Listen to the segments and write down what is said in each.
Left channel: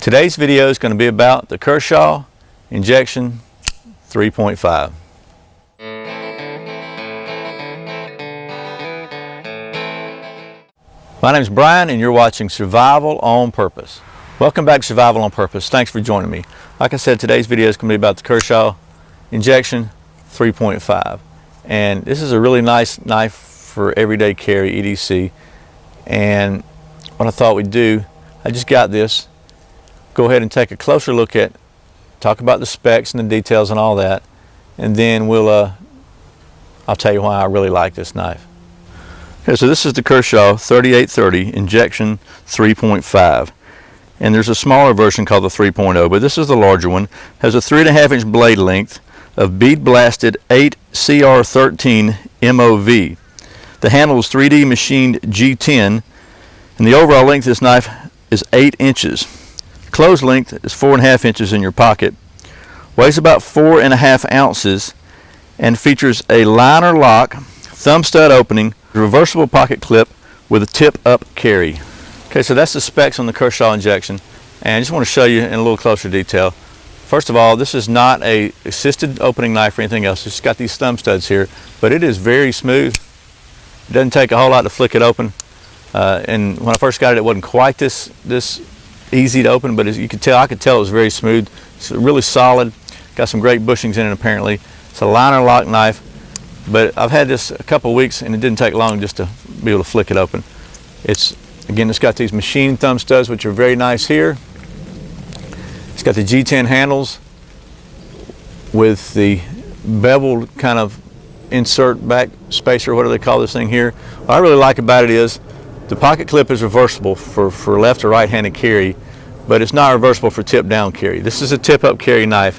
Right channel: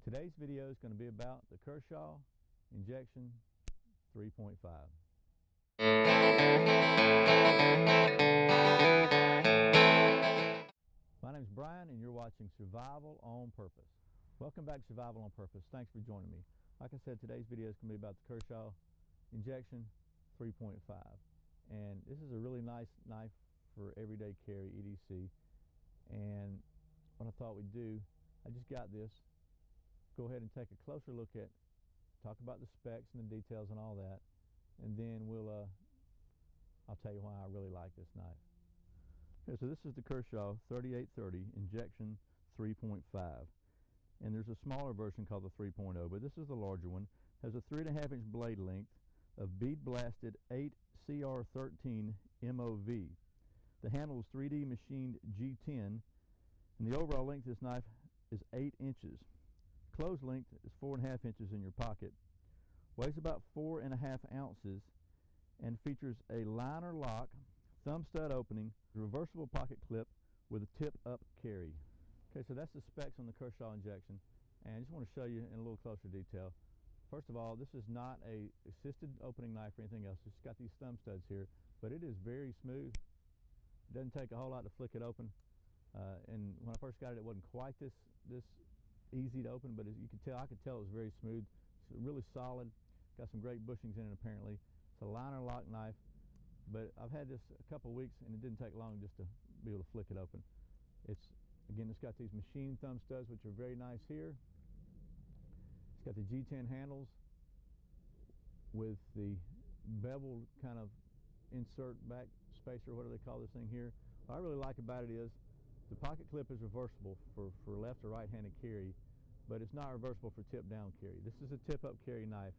Today's video is going to be about the Kershaw Injection 3.5. My name is Brian and you're watching Survival on Purpose. Welcome back to Survival on Purpose. Thanks for joining me. Like I said, today's video is going to be about the Kershaw Injection 3.5. And this is a really nice knife for everyday carry, EDC. And what I thought we'd do, I just got this. Go ahead and take a closer look at, talk about the specs and the details and all that, and then I'll tell you why I really like this knife. Okay, so this is the Kershaw 3830 Injection 3.5, and there's a smaller version called the 3.0, but this is the larger one. It has a 3.5-inch blade length of bead blasted 8CR13 MOV. The handle is 3D machined G10, and the overall length of this knife is 8 inches. Closed length is 4.5 inches in your pocket, weighs about 4.5 ounces, and features a liner lock, thumb stud opening, reversible pocket clip with a tip up carry. Okay, so that's the specs on the Kershaw Injection, and I just want to show you in a little closer detail. First of all, this is not a assisted opening knife or anything else. It's just got these thumb studs here, but it is very smooth. It doesn't take a whole lot to flick it open, and when I first got it, it wasn't quite this easy to open, but as you could tell, I could tell it was very smooth. It's really solid. Got some great bushings in it apparently. It's a liner lock knife, but I've had this a couple of weeks and it didn't take long just to be able to flick it open. It's got these machine thumb studs which are very nice here. It's got the G10 handles with the beveled kind of insert back spacer, what do they call this thing here? What I really like about it is the pocket clip is reversible for left or right-handed carry, but it's not reversible for tip-down carry. This is a tip-up carry knife,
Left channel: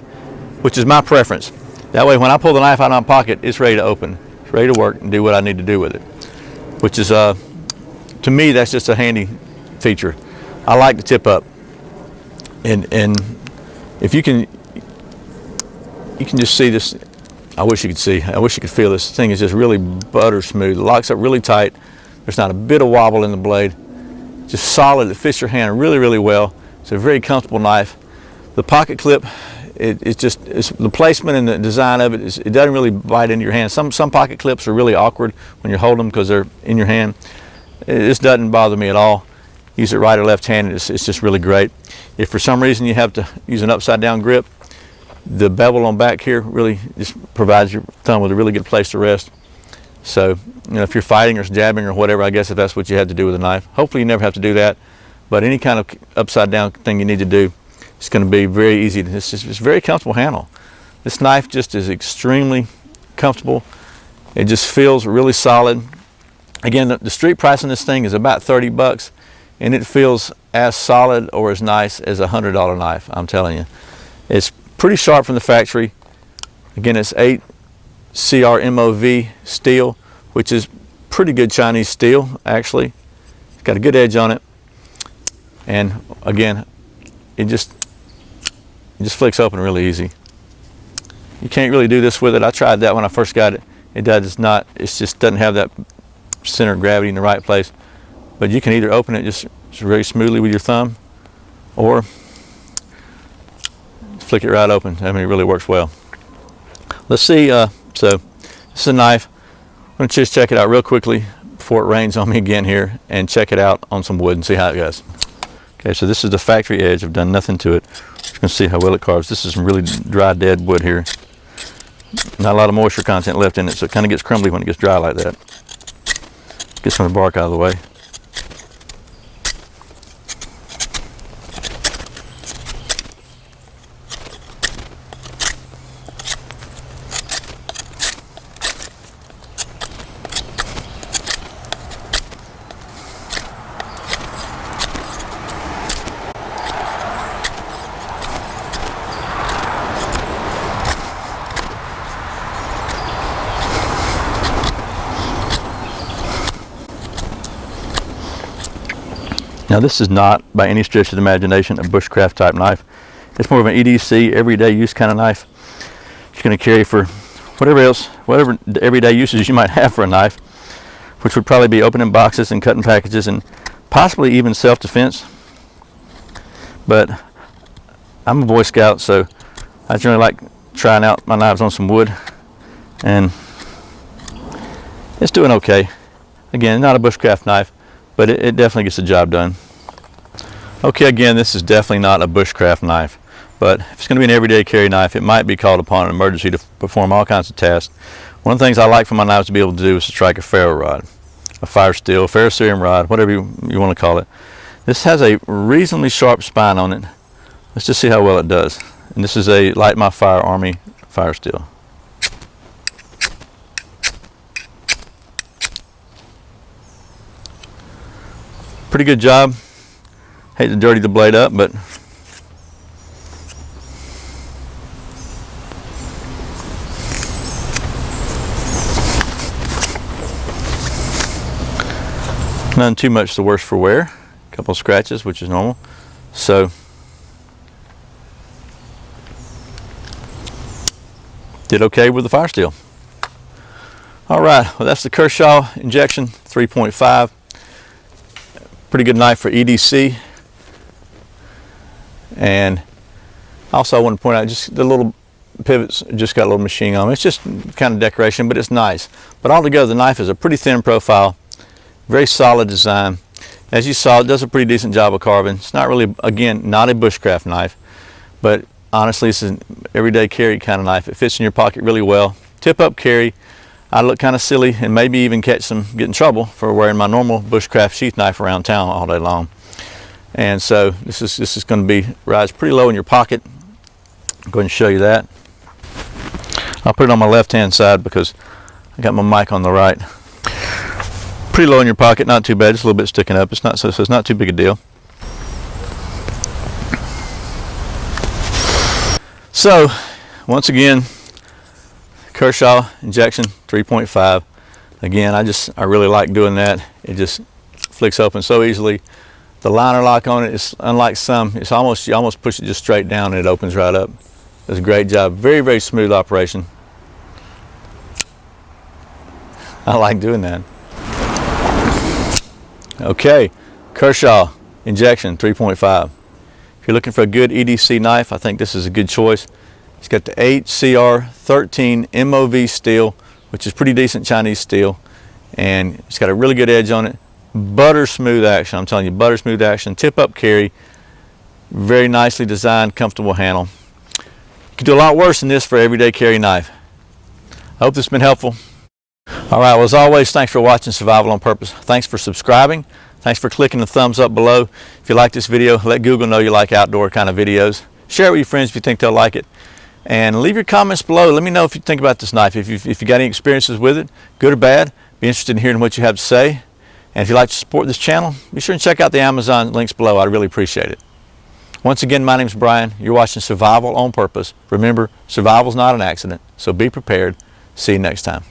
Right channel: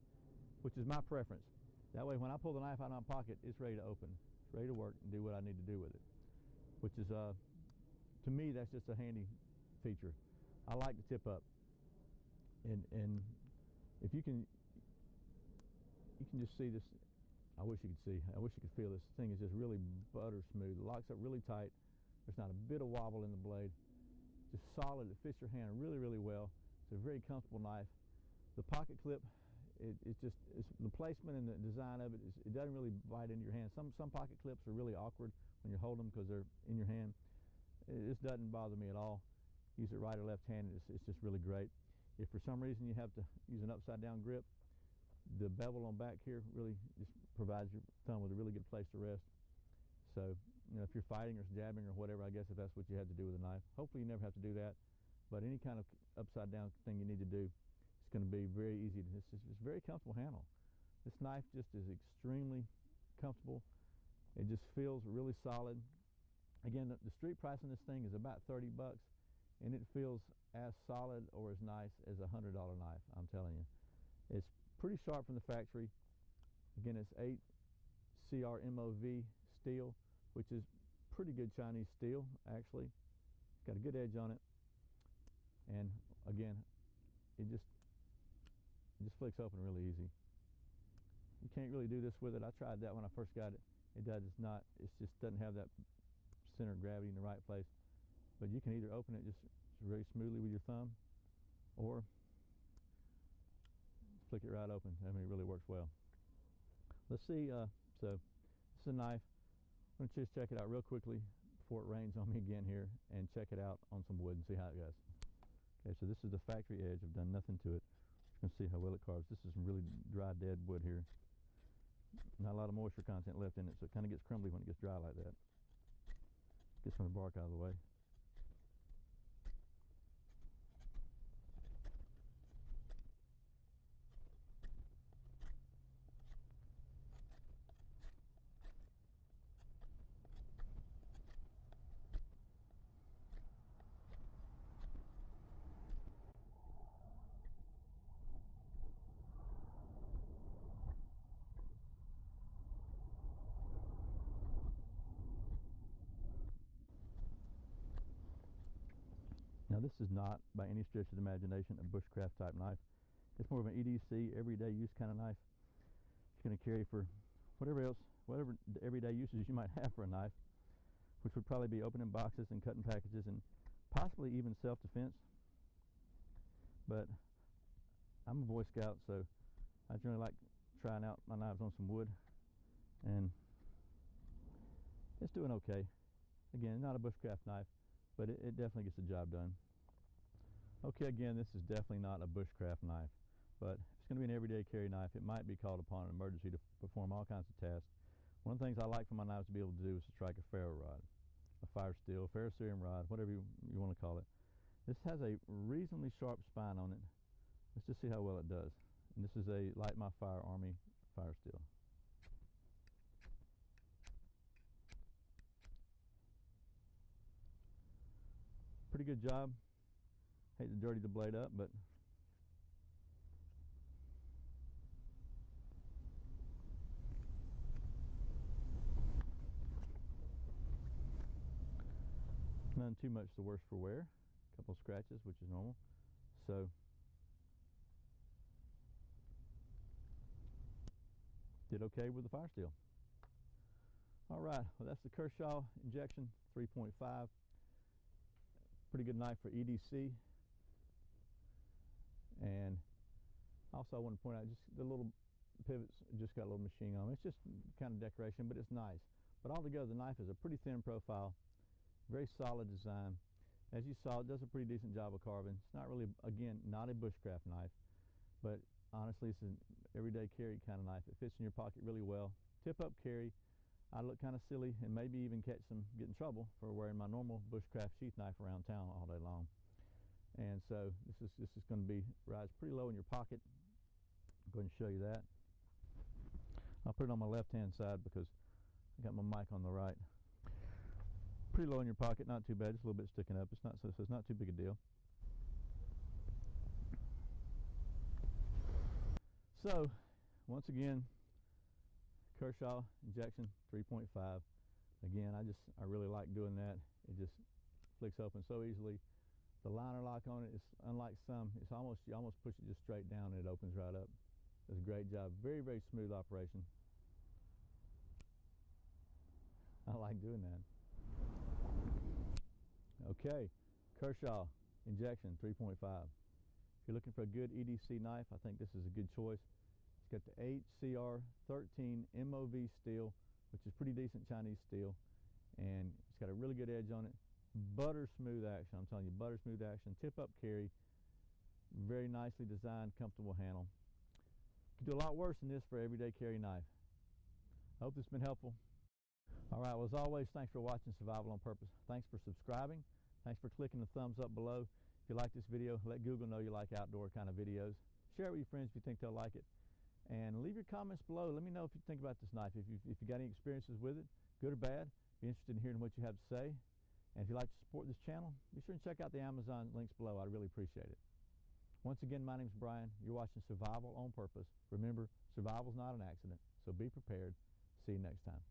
which is my preference. That way, when I pull the knife out of my pocket, it's ready to open. It's ready to work and do what I need to do with it, which is, to me, that's just a handy feature. I like the tip-up, and if you can just see this. I wish you could see. I wish you could feel this thing is just really butter smooth. It locks up really tight. There's not a bit of wobble in the blade. Just solid. It fits your hand really, really well. It's a very comfortable knife. The pocket clip, it's the placement and the design of it. It doesn't really bite into your hand. Some pocket clips are really awkward when you're holding them because they're in your hand. This doesn't bother me at all. Use it right or left-handed. It's just really great. If for some reason you have to use an upside-down grip, the bevel on back here really just provides your thumb with a really good place to rest. So, you know, if you're fighting or jabbing or whatever, I guess if that's what you had to do with a knife. Hopefully you never have to do that, but any kind of upside down thing you need to do, it's going to be very easy. It's a very comfortable handle. This knife just is extremely comfortable. It just feels really solid. Again, the street price on this thing is about 30 bucks, and it feels as solid or as nice as a $100 knife, I'm telling you. It's pretty sharp from the factory. Again, it's 8 CR steel, which is pretty good Chinese steel actually. It's got a good edge on it, and again, it just flicks open really easy. You can't really do this with it. I tried that when I first got it. It just doesn't have that center of gravity in the right place. But you can either open it just very smoothly with your thumb, or flick it right open. I mean, it really works well. Let's see. So this is a knife. I'm going to just check it out real quickly before it rains on me again here, and check it out on some wood and see how it goes. Okay, so this is the factory edge. I've done nothing to it. Just going to see how well it carves. This is some really dry, dead wood here. Not a lot of moisture content left in it, so it kind of gets crumbly when it gets dry like that. Get some of the bark out of the way. Now this is not by any stretch of the imagination a bushcraft type knife. It's more of an EDC, everyday use kind of knife. It's going to carry for whatever everyday uses you might have for a knife, which would probably be opening boxes and cutting packages and possibly even self-defense. But I'm a Boy Scout, so I generally like trying out my knives on some wood, and it's doing okay. Again, not a bushcraft knife, but it definitely gets the job done. Okay, again, this is definitely not a bushcraft knife, but if it's going to be an everyday carry knife, it might be called upon in emergency to perform all kinds of tasks. One of the things I like for my knives to be able to do is to strike a ferro rod, a fire steel, ferrocerium rod, whatever you want to call it. This has a reasonably sharp spine on it. Let's just see how well it does. And this is a Light My Fire Army fire steel. Pretty good job. Hate to dirty the blade up, but none too much the worse for wear. A couple of scratches, which is normal. So did okay with the fire steel. All right, well, that's the Kershaw Injection 3.5. Pretty good knife for EDC. And also I want to point out just the little pivots just got a little machine on them. It's just kind of decoration, but it's nice. But altogether the knife is a pretty thin profile, very solid design. As you saw, it does a pretty decent job of carving. It's not really, again, not a bushcraft knife, but honestly it's an everyday carry kind of knife. It fits in your pocket really well. Tip up carry. I look kind of silly and maybe even get in trouble for wearing my normal bushcraft sheath knife around town all day long. And so this is going to be rides pretty low in your pocket. I'll go ahead and show you that. I'll put it on my left hand side because I got my mic on the right. Pretty low in your pocket, not too bad, just a little bit sticking up. It's not so it's not too big a deal. So once again, Kershaw Injection 3.5. Again, I really like doing that. It just flicks open so easily. The liner lock on it is unlike some. It's almost, you almost push it just straight down and it opens right up. Does a great job. Very, very smooth operation. I like doing that. Okay, Kershaw Injection 3.5. If you're looking for a good EDC knife, I think this is a good choice. It's got the HCR13 MOV steel, which is pretty decent Chinese steel, and it's got a really good edge on it. Butter smooth action, I'm telling you, butter smooth action. Tip up carry, very nicely designed, comfortable handle. You can do a lot worse than this for an everyday carry knife. I hope this has been helpful. All right, well, as always, thanks for watching Survival on Purpose. Thanks for subscribing. Thanks for clicking the thumbs up below. If you like this video, let Google know you like outdoor kind of videos. Share it with your friends if you think they'll like it. And leave your comments below. Let me know if you think about this knife. If you got any experiences with it, good or bad. Be interested in hearing what you have to say. And if you'd like to support this channel, be sure and check out the Amazon links below. I'd really appreciate it. Once again, my name's Brian. You're watching Survival on Purpose. Remember, survival's not an accident, so be prepared. See you next time.